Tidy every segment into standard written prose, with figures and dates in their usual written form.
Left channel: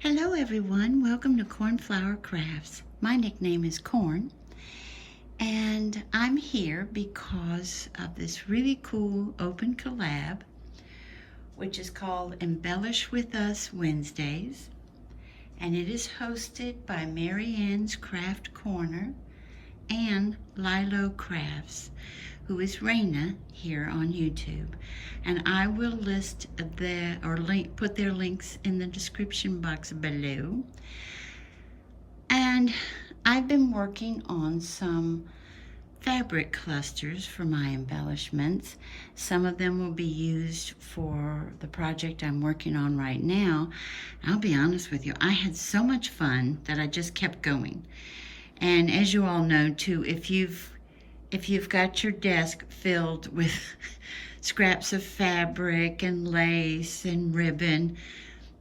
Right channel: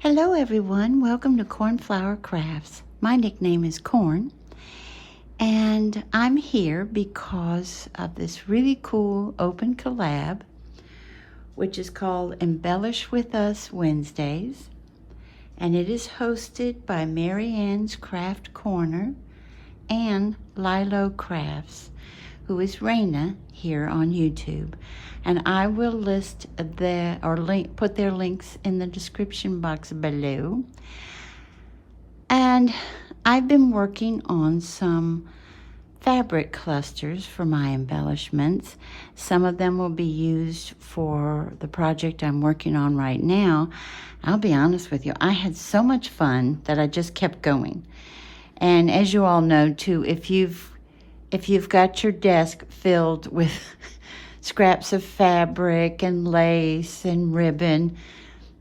Hello everyone, welcome to Cornflower Crafts. My nickname is Corn, and I'm here because of this really cool open collab, which is called Embellish With Us Wednesdays, and it is hosted by Mary Ann's Craft Corner and Lilo Crafts, who is Raina here on YouTube. And I will list put their links in the description box below. And I've been working on some fabric clusters for my embellishments. Some of them will be used for the project I'm working on right now. I'll be honest with you, I had so much fun that I just kept going. And as you all know too, if you've got your desk filled with scraps of fabric and lace and ribbon,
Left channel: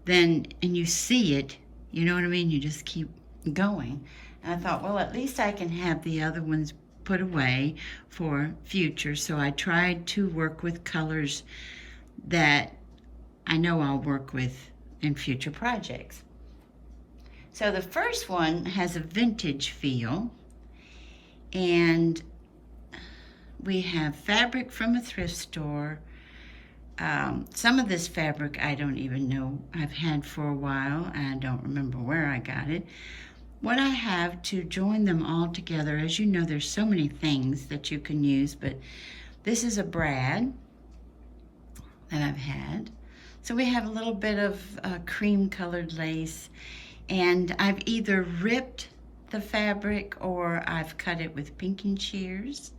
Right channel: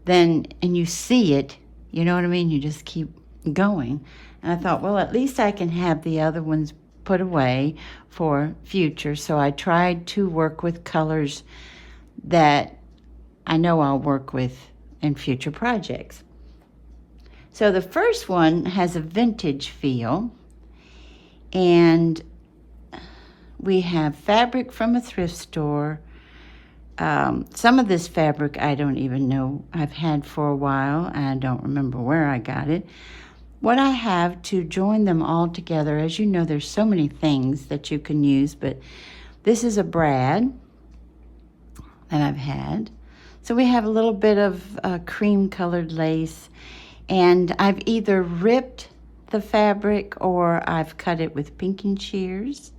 and you see it, you know what I mean? You just keep going. And I thought, well, at least I can have the other ones put away for future. So I tried to work with colors that I know I'll work with in future projects. So the first one has a vintage feel, and we have fabric from a thrift store. Some of this fabric I don't even know. I've had for a while. I don't remember where I got it. What I have to join them all together, as you know, there's so many things that you can use, but this is a brad that I've had. So we have a little bit of cream colored lace, and I've either ripped the fabric or I've cut it with pinking shears.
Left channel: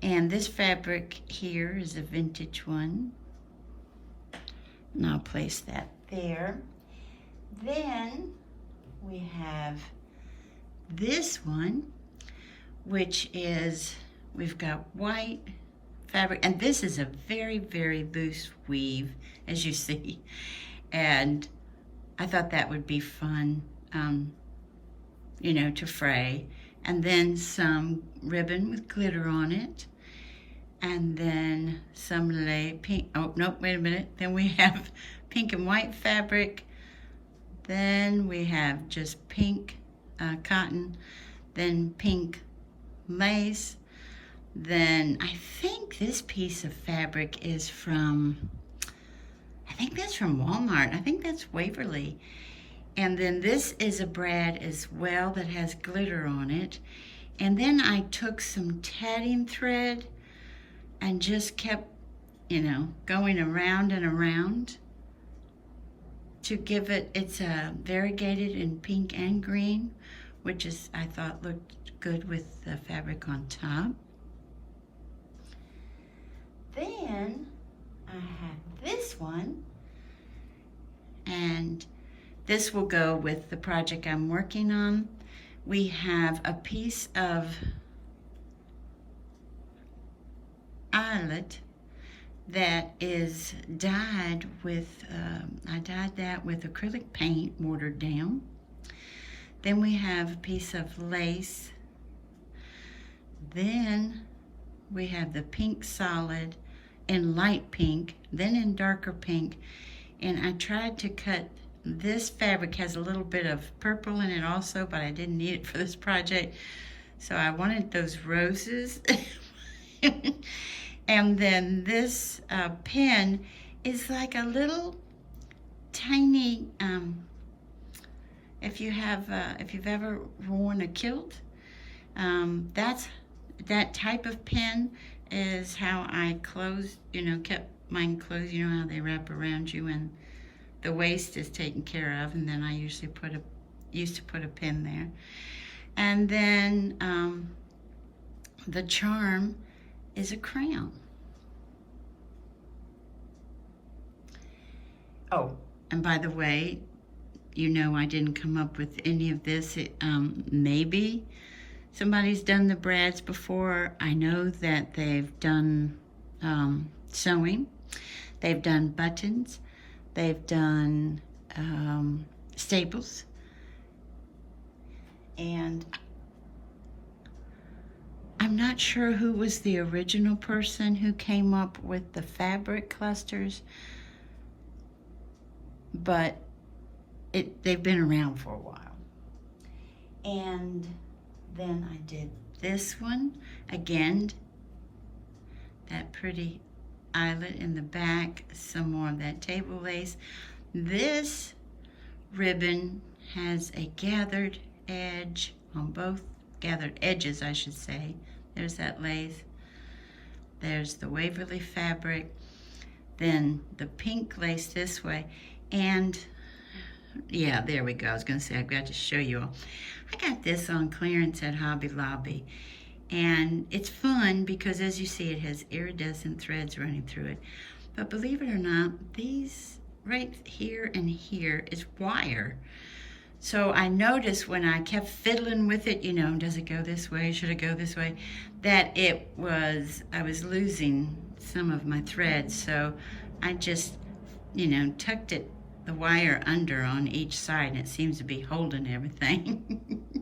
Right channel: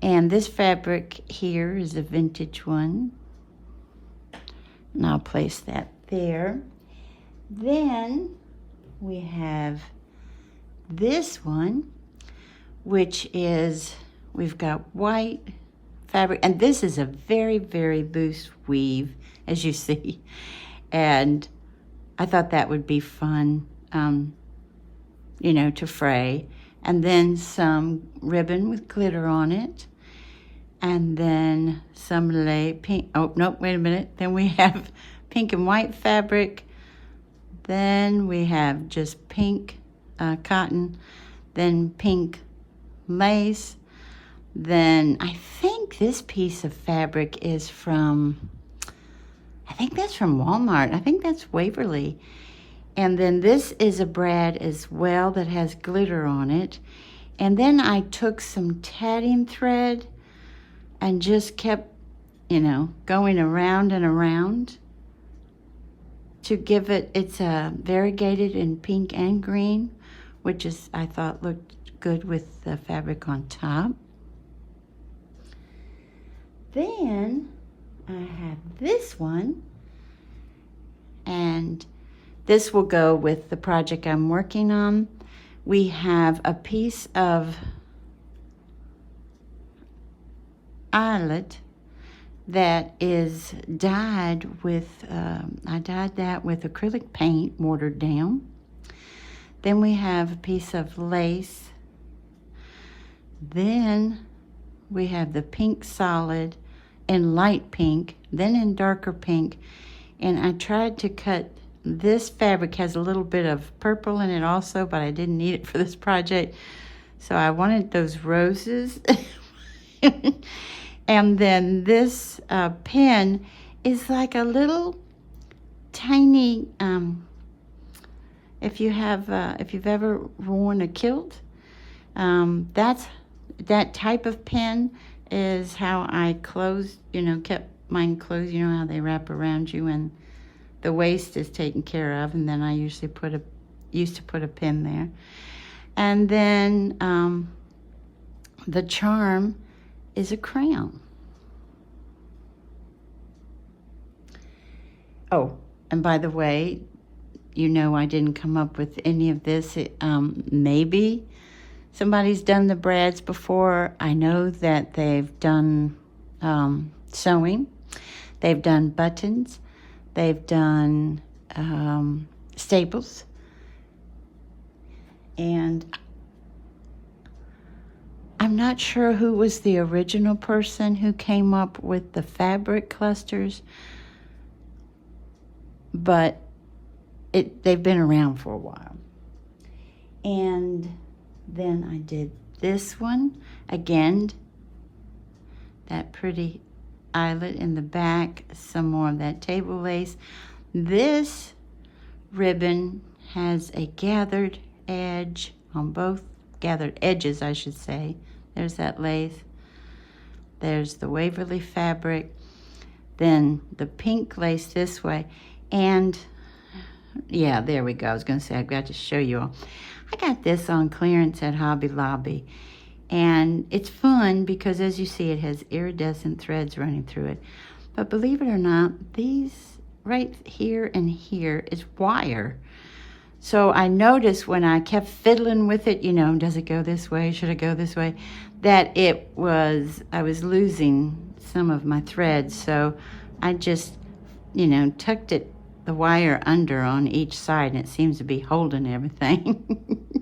And this fabric here is a vintage one. And I'll place that there. Then we have this one, which is, we've got white fabric, and this is a very, very loose weave, as you see. And I thought that would be fun, you know, to fray. And then some ribbon with glitter on it. And then some pink, oh, no, wait a minute. Then we have pink and white fabric. Then we have just pink cotton. Then pink lace. Then I think this piece of fabric is from, I think that's from Walmart. I think that's Waverly. And then this is a brad as well that has glitter on it. And then I took some tatting thread and just kept, you know, going around and around to give it, it's variegated in pink and green, which is, I thought looked good with the fabric on top. Then I have this one, and this will go with the project I'm working on. We have a piece of eyelet that is dyed with, I dyed that with acrylic paint, watered down. Then we have a piece of lace. Then we have the pink solid in light pink, then in darker pink. And I tried to cut, this fabric has a little bit of purple in it also, but I didn't need it for this project. So I wanted those roses. And then this pen is like a little tiny, if you've ever worn a kilt, that type of pen is how I closed, you know, kept mine closed. You know how they wrap around you and the waist is taken care of, and then I usually used to put a pin there. And then the charm is a crown. Oh, and by the way, you know I didn't come up with any of this. Maybe somebody's done the brads before. I know that they've done sewing. They've done buttons. They've done staples. And I'm not sure who was the original person who came up with the fabric clusters, but they've been around for a while. And then I did this one again, that pretty eyelet in the back, some more of that table lace. This ribbon has a gathered edge on both, gathered edges I should say. There's that lace, there's the Waverly fabric, then the pink lace this way, and yeah, there we go. I was gonna say I've got to show you all. I got this on clearance at Hobby Lobby, and it's fun because as you see it has iridescent threads running through it. But believe it or not, these right here and here is wire. So I noticed when I kept fiddling with it, you know, does it go this way? Should it go this way? That I was losing some of my threads. So I just, you know, tucked the wire under on each side, and it seems to be holding everything.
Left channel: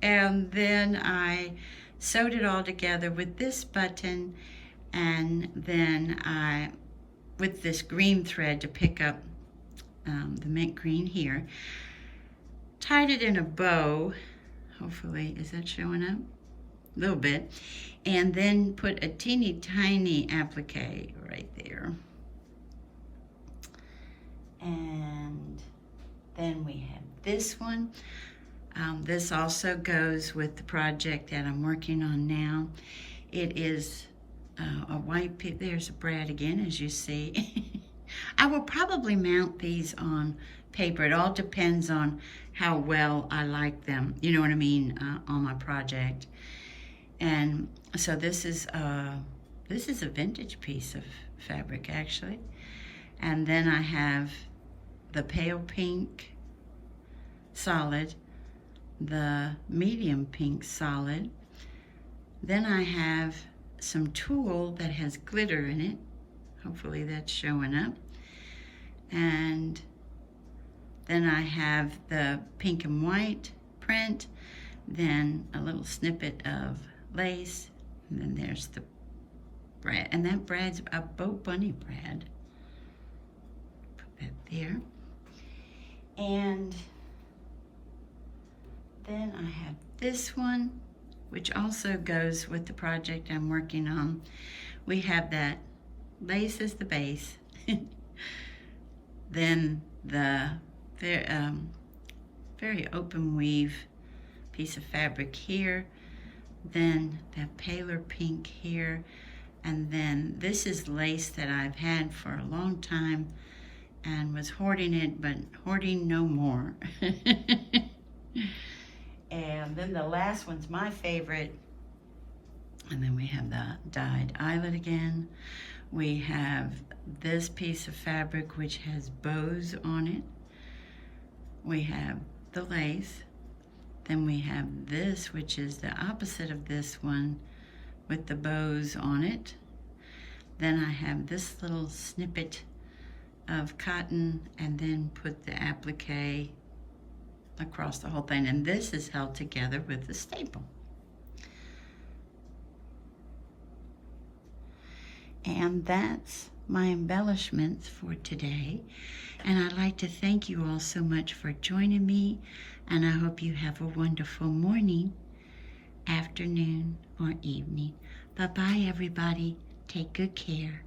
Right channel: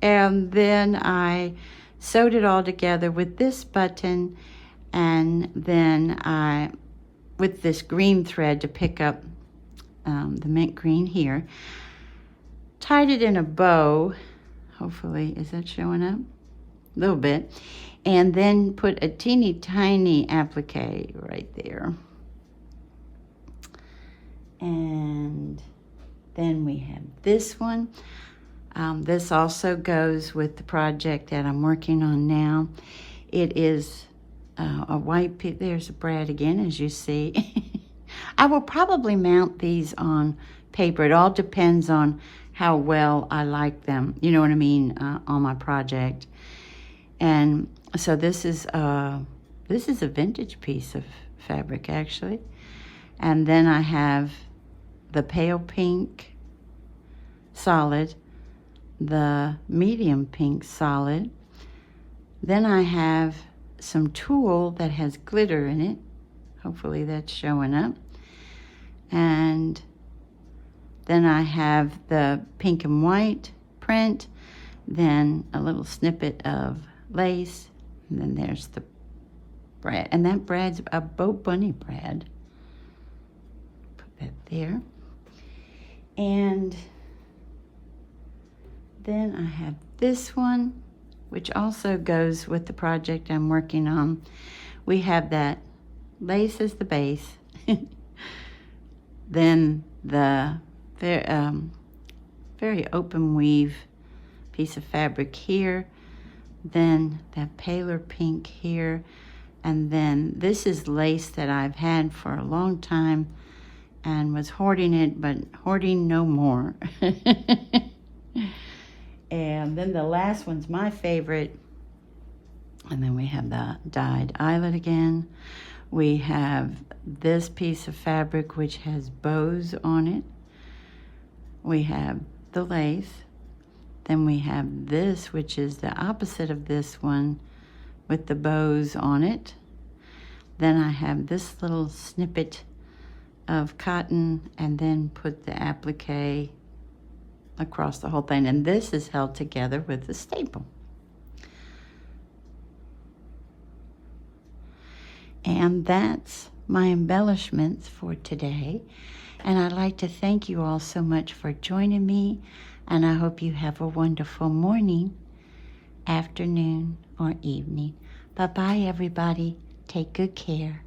And then I sewed it all together with this button, and then with this green thread to pick up the mint green here, tied it in a bow. Hopefully, is that showing up? A little bit. And then put a teeny tiny applique right there. And then we have this one. This also goes with the project that I'm working on now. It is a white piece. There's a brad again, as you see. I will probably mount these on paper. It all depends on how well I like them, you know what I mean, on my project. And so this is a vintage piece of fabric actually. And then I have the pale pink solid, the medium pink solid. Then I have some tulle that has glitter in it. Hopefully that's showing up. And then I have the pink and white print, then a little snippet of lace, and then there's the brad. And that brad's a Bo Bunny brad. Put that there. And then I have this one, which also goes with the project I'm working on. We have that lace as the base, then the very open weave piece of fabric here, then that paler pink here, and then this is lace that I've had for a long time and was hoarding it, but hoarding no more. And then the last one's my favorite. And then we have the dyed eyelet again. We have this piece of fabric which has bows on it. We have the lace. Then we have this, which is the opposite of this one with the bows on it. Then I have this little snippet of cotton, and then put the applique across the whole thing. And this is held together with the staple. And that's my embellishments for today. And I'd like to thank you all so much for joining me. And I hope you have a wonderful morning, afternoon, or evening. Bye-bye, everybody. Take good care.